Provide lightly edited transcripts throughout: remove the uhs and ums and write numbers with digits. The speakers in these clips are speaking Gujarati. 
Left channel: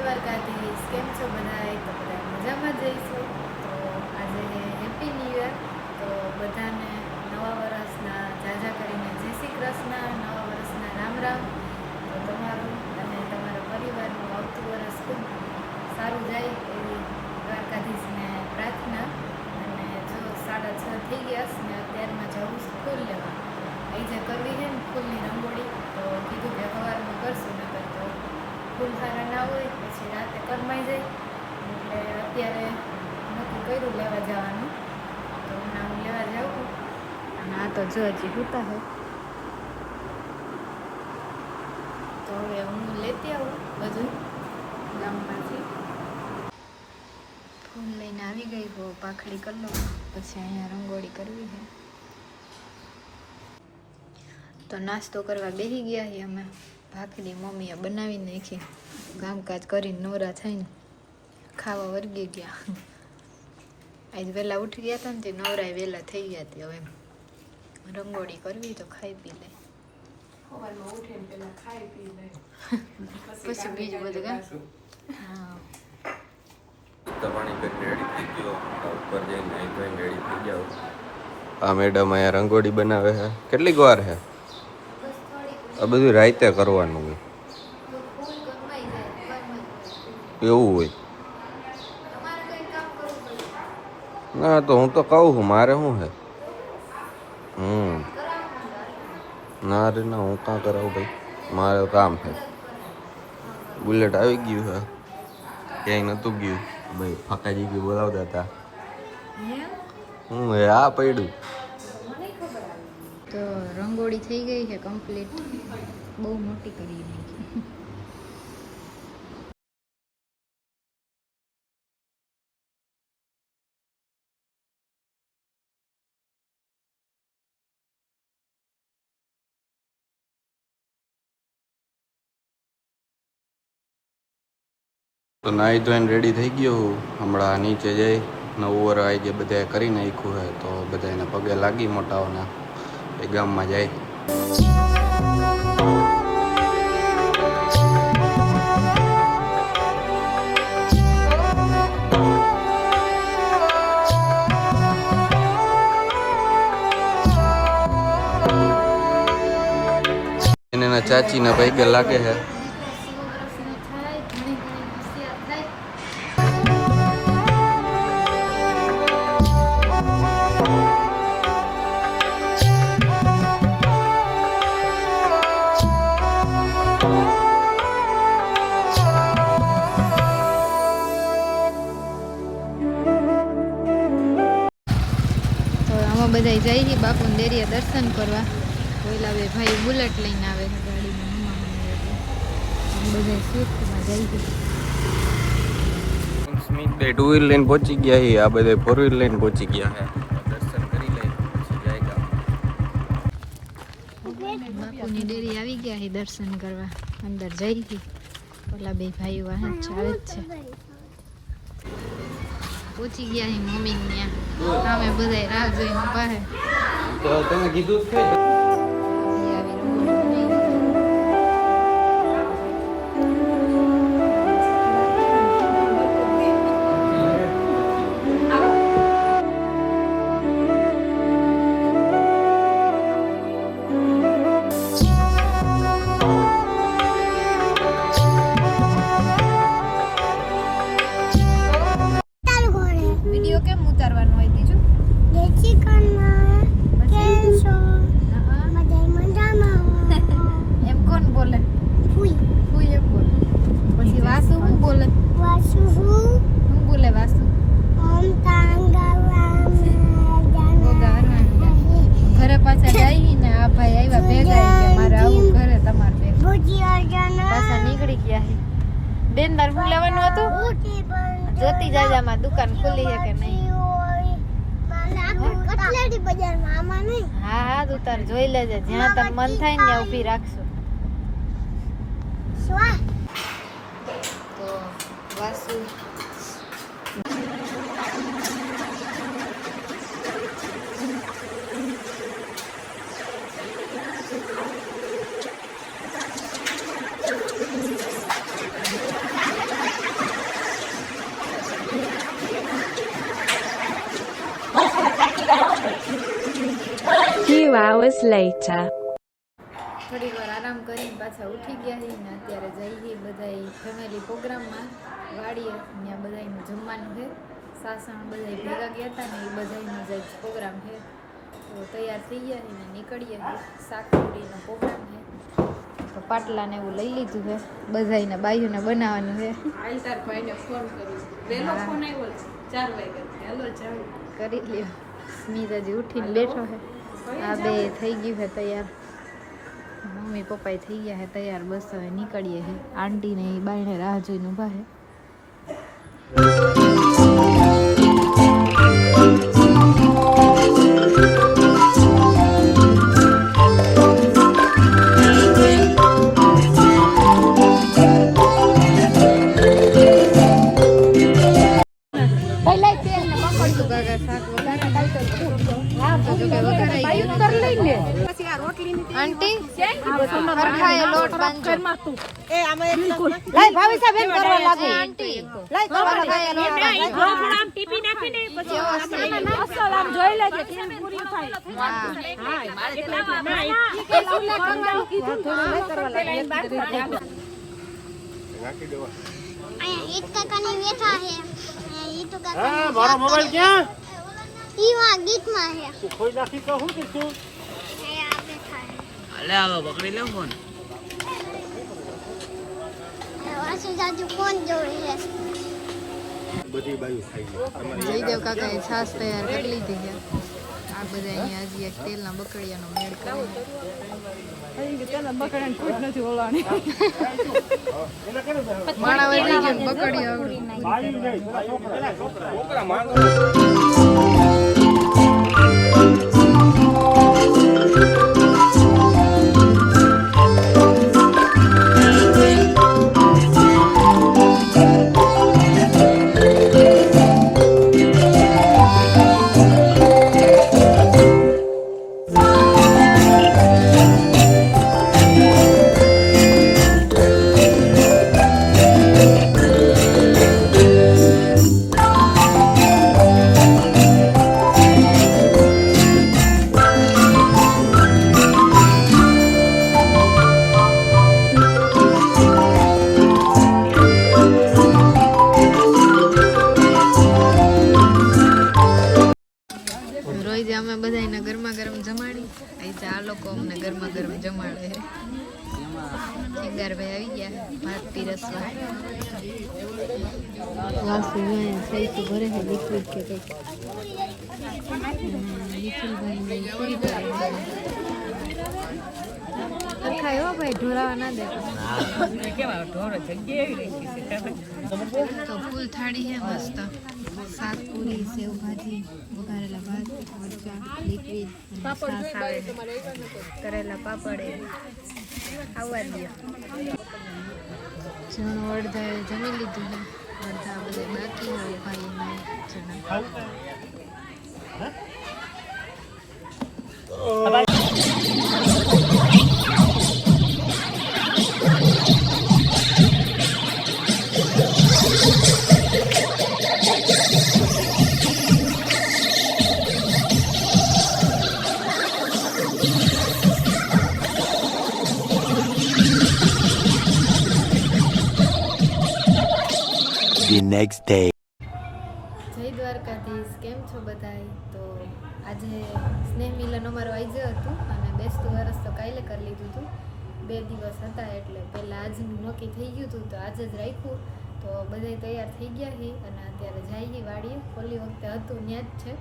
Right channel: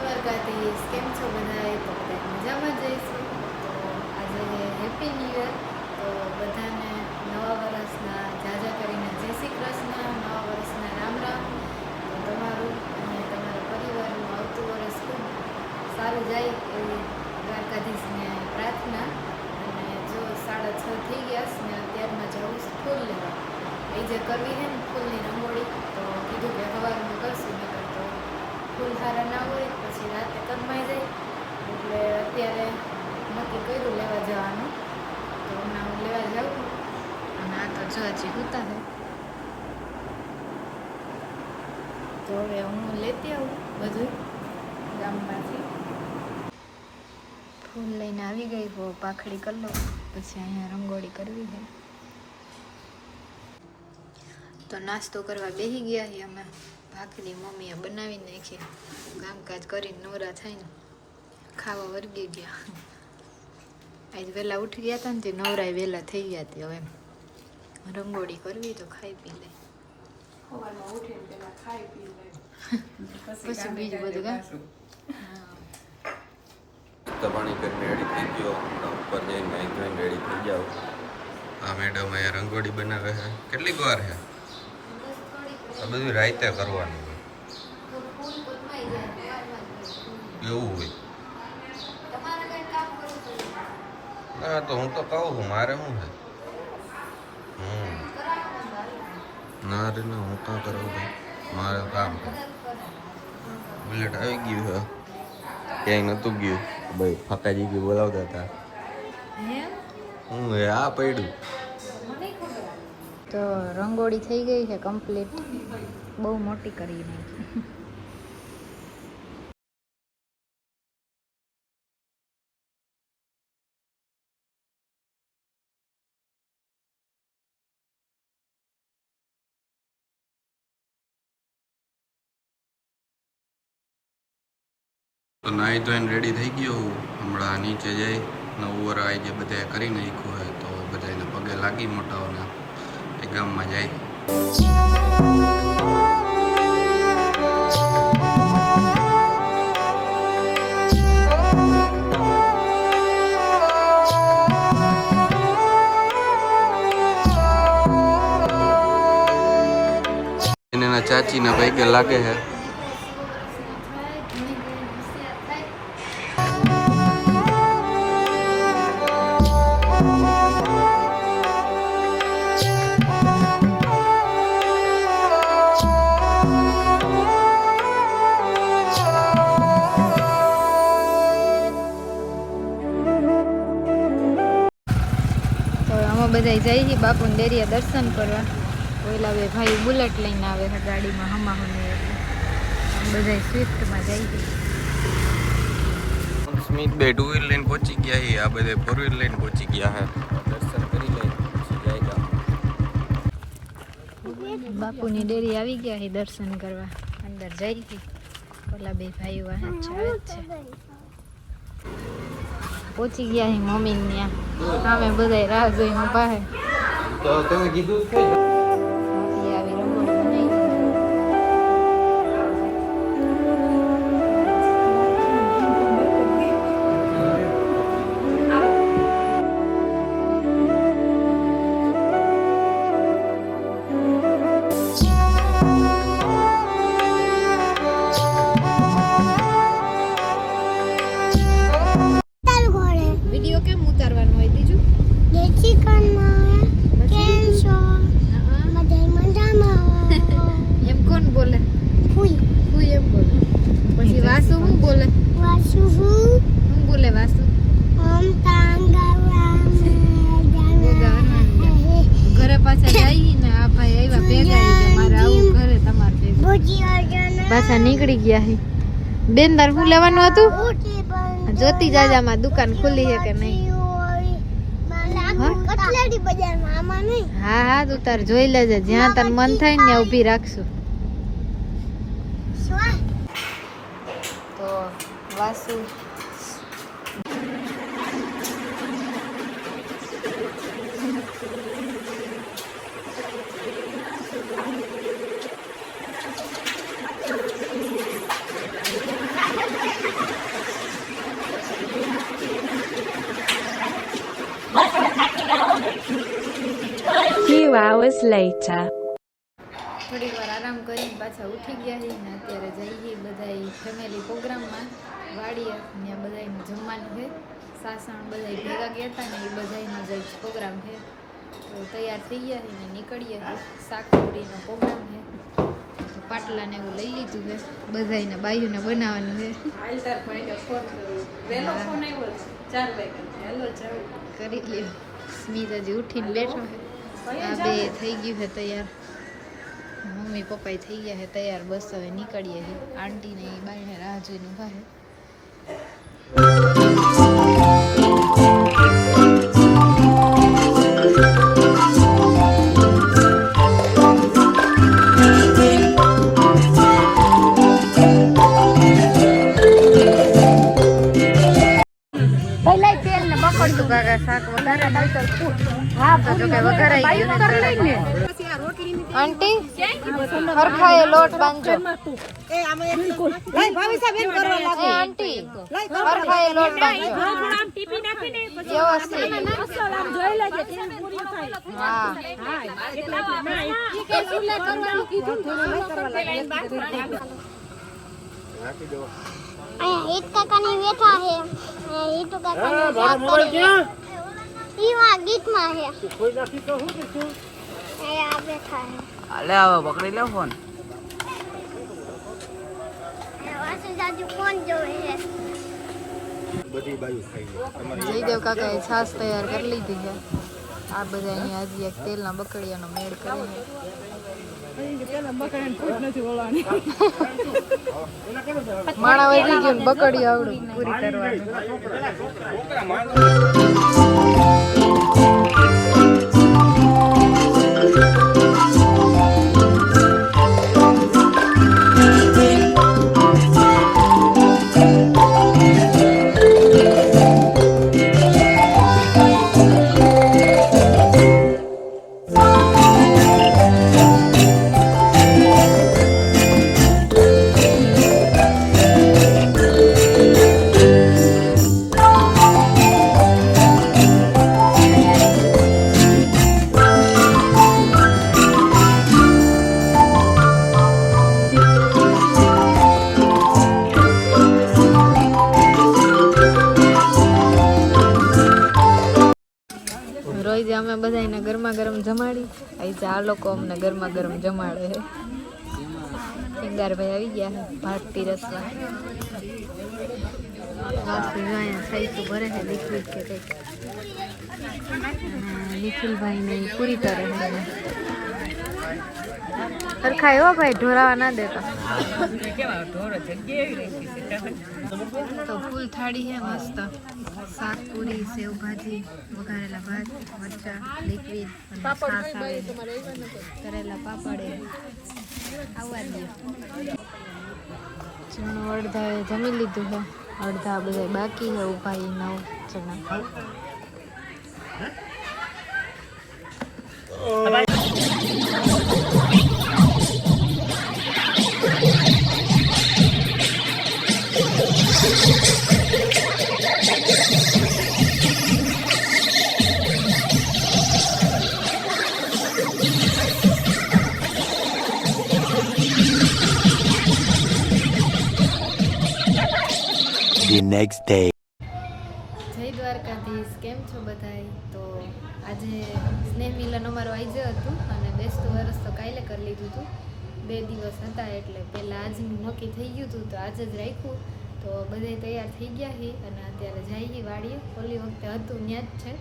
દ્વારકાધીશ. કેમ છો બધાએ? તો બધા મજામાં જઈશું. તો આજે હેપી ન્યૂ યર. તો બધાને નવા વર્ષના જાજા કરીને જય શ્રી કૃષ્ણ, નવા વર્ષના રામ રામ. તો તમારું અને તમારા પરિવારનું આવતું વર્ષ ખૂબ સારું જાય એવી દ્વારકાધીશને પ્રાર્થના. અને જો 6:30 થઈ ગયા ને અત્યારમાં જવું ફૂલ લેવા. એ જે કરવી છે ને ફૂલની રંગોળી, તો કીધું કે સવારમાં કરશું, નકર તો ફૂલ સારા ના હોય પછી રાતે કરમાઈ જાય. એટલે અત્યારે નક્કી કર્યું લેવા જવાનું. તો હમણાં હું લેવા જાઉં. અને આ તો જો હજી સૂતા છે. તો હવે હું લેતી આવું બધું ગામમાંથી. ફૂલ લઈને આવી ગઈ હો, પાખડી કરી લઉં, પછી અહીંયા રંગોળી કરવી છે. તો નાસ્તો કરવા બેસી ગયા છીએ અમે. ભાખરી મમ્મીએ બનાવી નાખી, કામકાજ કરીને નવરા થઈને ખાવા વર્ગી ગયા. આજ વહેલા ઉઠી ગયા હતા ને તે નવરાય વહેલા થઈ ગયા હતી. હવે રંગોળી કરવી તો ખાઈ પી લે, પછી બીજું બધું કામ. હા, પાણી કરીને રેડી થઈ ગયો. ઉપર જઈને નાઈ ધોઈને રેડી થઈ જાઓ. આ મેડમ અહીંયા રંગોળી બનાવે છે. કેટલીક વાર છે આ બધું? રાતે કરવાનું એવું હોય ના? તો હું તો કહું છું, મારે શું છે? ના રે ના, હું કાં કરાવું ભાઈ, મારે કામ છે. બુલેટ આવી ગયું છે, ક્યાંય નહોતું ગયું ભાઈ. ફાકાજી ગયું બોલાવતા હતા. હું હે આ પડ્યું. તો રંગોળી થઈ ગઈ છે કમ્પ્લીટ. બહુ મોટી કરી નાખી. તો નાહી ધોઈને રેડી થઈ ગયો. હમણાં નીચે જઈ નવું વર આવી જે બધાએ કરી નાખ્યું હોય તો બધાને પગે લાગી મોટાઓના એ ગામમાં જાય. એના ચાચીના પૈકે લાગે છે. બધા જાય છે બાપુને ડેરીએ દર્શન કરવા. ઓલા બે ભાઈ બુલેટ લઈને આવે છે ગાડીમાં હમાહને, એટલે આમ બધા સ્વિફ્ટમાં જાય છે. સ્મિત બે 2 વ્હીલ લઈને પહોંચી ગયા છે, આ બધા 4 વ્હીલ લઈને પહોંચી ગયા છે. દર્શન કરી લઈ જાય. બાપુની ડેરી આવી ગયા છે દર્શન કરવા. અંદર જઈ છે. ઓલા બે ભાઈઓ વાહન ચાલે જ છે. પહોંચી ગયા છે મમ્મી ત્યાં. અમે બધા રાહ જોઈને ઊભા છે. તો તમે કીધું છે વિડીયો કેમ ઉતારવાનો હોય બીજું? એમ કોણ બોલે? ફૂઈ એમ બોલે. પછી વાસુ શું બોલે? શું બોલે વાસુ? ઘરે પાછા જઈ ને આ ભાઈ આવ્યા ભેગા કે મારે આવું ઘરે તમારે ભેગા. પાછા નીકળી ગયા છે. બેન તાર શું લેવાનું હતું? જોતી જાજામાં દુકાન ખુલી છે કે નહીં? હા તું તાર જોઈ લેજે, જ્યાં તાર મન થાય ને ત્યાં ઊભી રાખશું. તો વાસુ hours later. થોડીક વાર આરામ કરીને પાછા ઉઠી ગયા છીએ ને અત્યારે જઈએ બધા ફેમિલી પ્રોગ્રામમાં વાડીએ ત્યાં બધાનું જમવાનું છે. સાસણ બધા ભેગા ગયા હતા ને એ બધાનો જ પ્રોગ્રામ છે. તો તૈયાર થઈ ગયા છીએ ને નીકળીએ છીએ. શાકપુરીનો પ્રોગ્રામ છે તો પાટલાને એવું લઈ લીધું છે. બધાને બાયુને બનાવવાનું છે. કરી લ્યો. સ્મિત હજી ઉઠીને બેઠો છે. આ બે થઈ ગયું છે તૈયાર. મમ્મી પપ્પા થઈ ગયા છે તૈયાર. બસ હવે નીકળીએ છીએ. આંટી ને બાયણે રાહ જોઈને ઊભા છે. શાક વઘારા તો જો કે વઘારાઈ ગયું આંટી હરખાએ લોટ બાંધજો આંટી હરખાએ લોટ બાંધજો ईद काका नहीं बैठा है ये तो काका नहीं बात करेगा ई वहां गीत में है तू कोई नाखी तो हूं तू अरे आ बैठा है अले आओ पकड़ी लो फोन वासु जाजू फोन जोड़े है બધી બાયું ખાઈ લે. જયદેવ કાકાએ છાશ તૈયાર કરી લીધી છે. આ બધાની હજી એક તેલના બકડિયાનો મેળ કરે છે. માણા વધી ગયું બકડી આવડું પૂરી રોજ અમે બધાને ગરમા ગરમ જમાડી. આજે આ લોકો અમને ગરમા ગરમ જમાડે છે. શિંગારભાઈ આવી ગયા છે ભાત પીરસવા. વાસુ અહીંયા સાઈતું ભરે છે લિક્વિડ કે કંઈક. અને નિખિલભાઈને પૂરી કરે છે. સરખા એવો ભાઈ ઢોરાવા ના દેતા. તો ફૂલ થાળી છે મસ્ત. શાક પૂરી સેવ ભાજી વઘારેલા ભાત મરચા લિક્વિડ અને છાશ આવે છે. કરેલા પાપડ આવવા દે. જણો અડધાએ જમી લીધું છે. અડધા બધા બાકી છે ઉભા 9 જણા. The next day. જય દ્વારકાધીશ. કેમ છો બધાય? તો આજે સ્નેહ મિલન અમારું આજે હતું અને બેસતું વરસ તો કાલે કરી લીધું હતું. 2 દિવસ હતા એટલે પહેલાં આજનું નક્કી થઈ ગયું હતું તો આજે જ રાખ્યું. તો બધાય તૈયાર થઈ ગયા છીએ અને અત્યારે જઈએ વાડીએ. ઓલી વખતે હતું ત્યાં જ છે.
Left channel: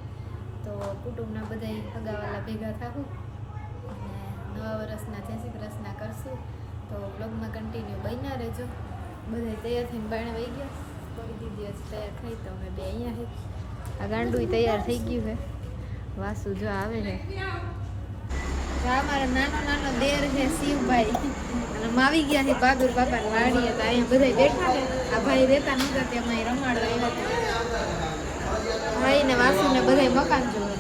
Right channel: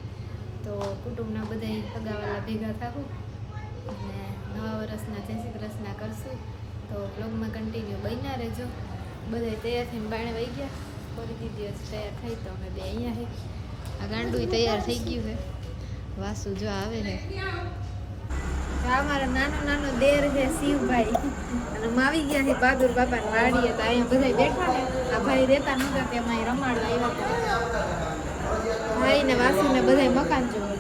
તો કુટુંબના બધાય સગાવાલા ભેગા થાવું અને નવા વર્ષના જય શ્રી કૃષ્ણ કરશું. તો વ્લોગમાં કન્ટિન્યુ બન્યા રહેજો. બધાય તૈયાર થઈને બાણે વહી ગયા. ફરી દીધી હજી તૈયાર થઈ તો અમે બે અહીંયા છે. આ ગાંડું તૈયાર થઈ ગયું છે. વાસુ જો આવે છે. આ મારા નાનો દેર છે શિવભાઈ અને આવી ગયા છે બહાદુર બાપાને વાડીએ. તો અહીંયા બધા બેઠા છે. આ ભાઈ રહેતા નહોતા તેમાં રમાડવા આવ્યા હતા. ભાઈ ને વાસુ ને બધા મકાન જોવે.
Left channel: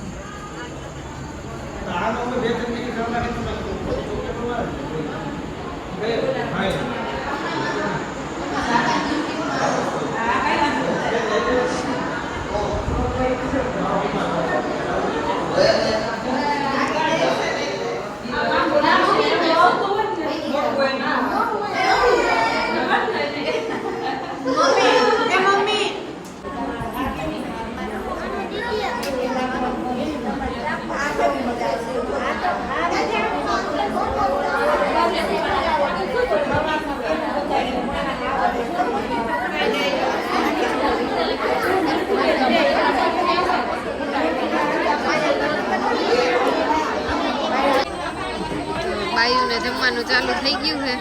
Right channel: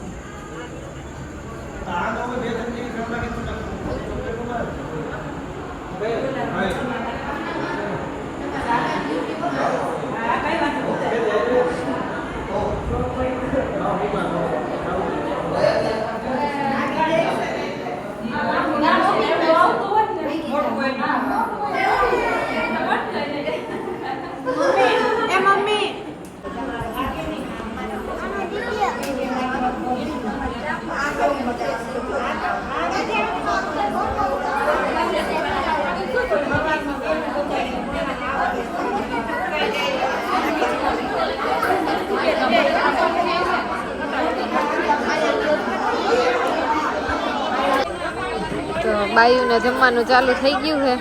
બાયુને જમવાનું ચાલુ થઈ ગયું છે.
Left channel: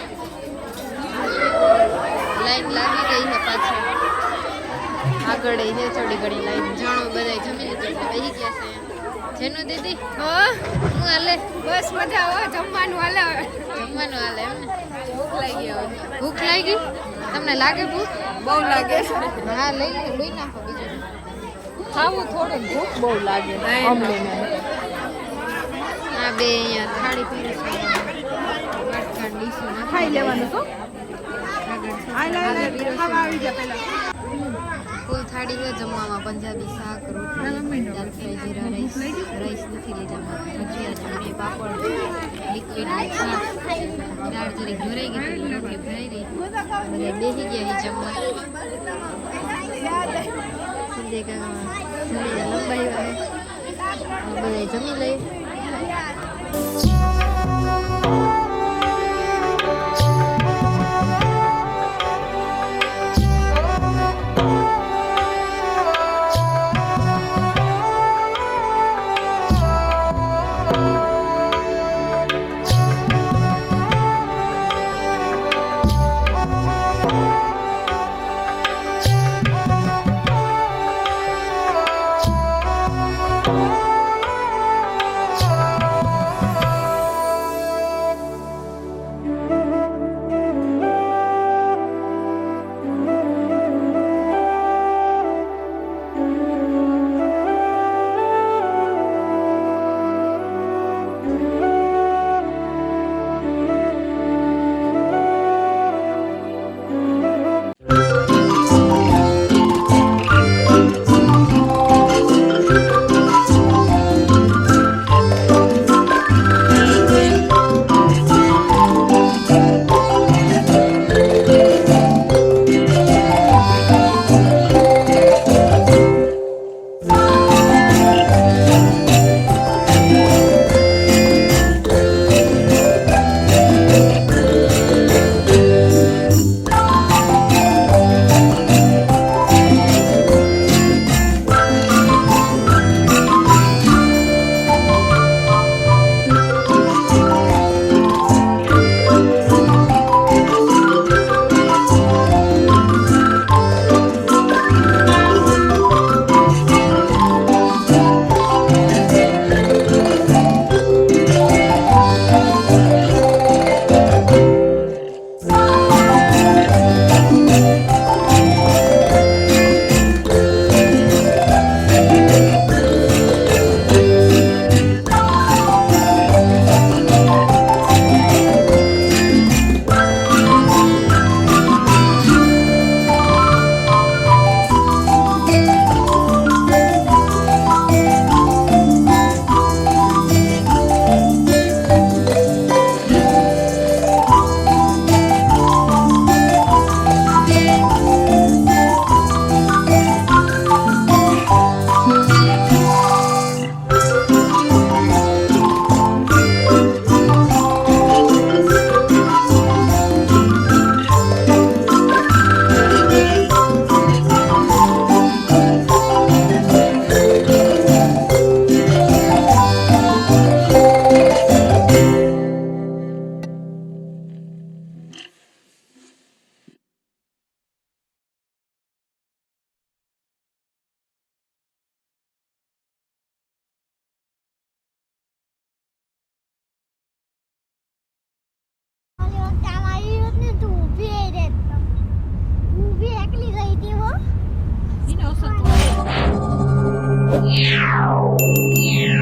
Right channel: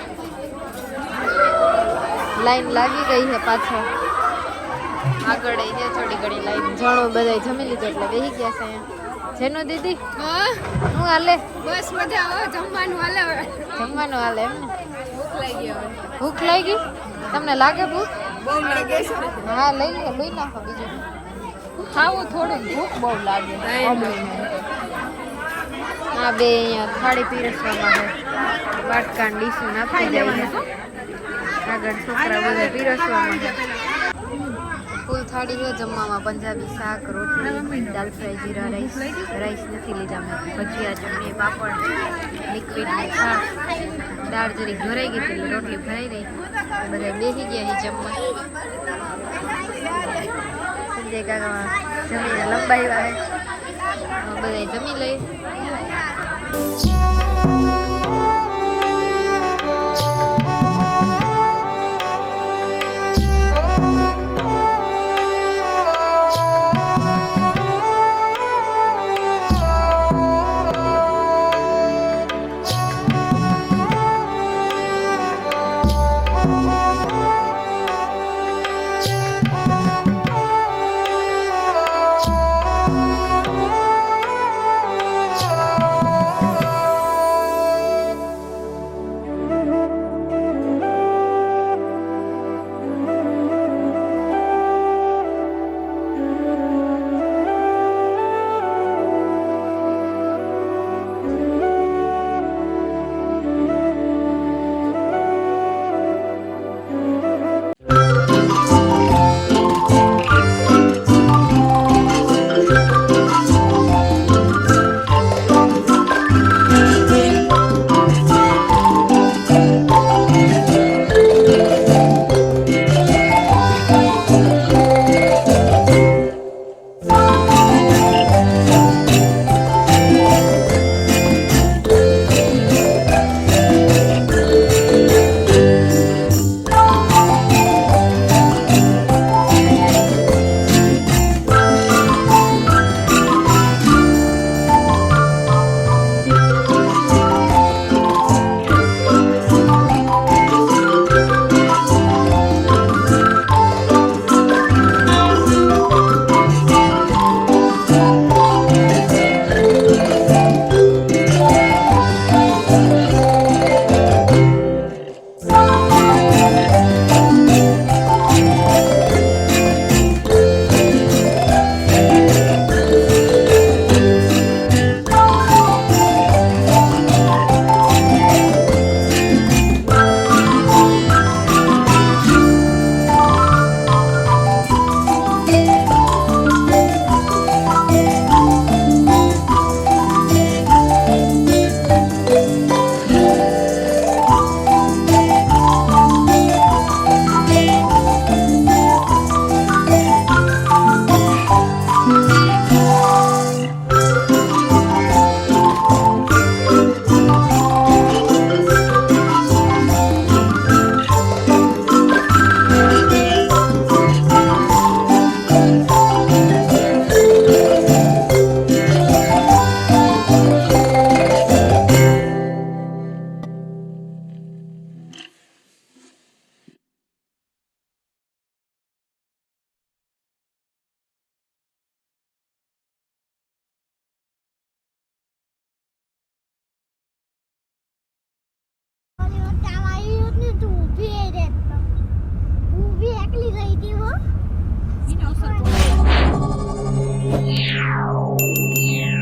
લાઈન લાગી ગઈ છે પાછળ. આગળ છે થોડી ઘણી લાઈન. જણો બધા જમી લીધું એટલે બેસી ગયા છે અહીંયા. જેનો દીદી હું હાલે? બસ મજા આવે. જમવાનું હાલે. જમવાનું હાલે એમ ને? ભૂખ લાગી હવે. ભૂખ લાગી? તમને લાગે ભૂખ? બહુ લાગે છે. હા લઈ લે, લઈ નાખો બીજું. ખાવું થોડું, ભૂખ બહુ લાગે. આ બે અહીંયા થાળી પીરસવામાં આવે. વાટકા ડીશું નાખી લેવાનું તો આગળ છોકરા બધા પીરસવામાં. ફૂલ થાળી છે જમવામાં. પંજાબી શાક, રોટલી, દાલ ફ્રાય, જીરા રાઈસ. રાઈસ નથી લીધા મેં. ભજીયા, ચટણી, પાપડ, લિક્વિડ છાશ. દાળ જરીક જોરાઈ ગઈ હતી, રોટલી ભરાઈ ગઈ. બધા બેસી ગયા છે જમવા. સંજય કાકા જમીને લંબાવ્યા છે. બધા જમી લઈ. Yeah.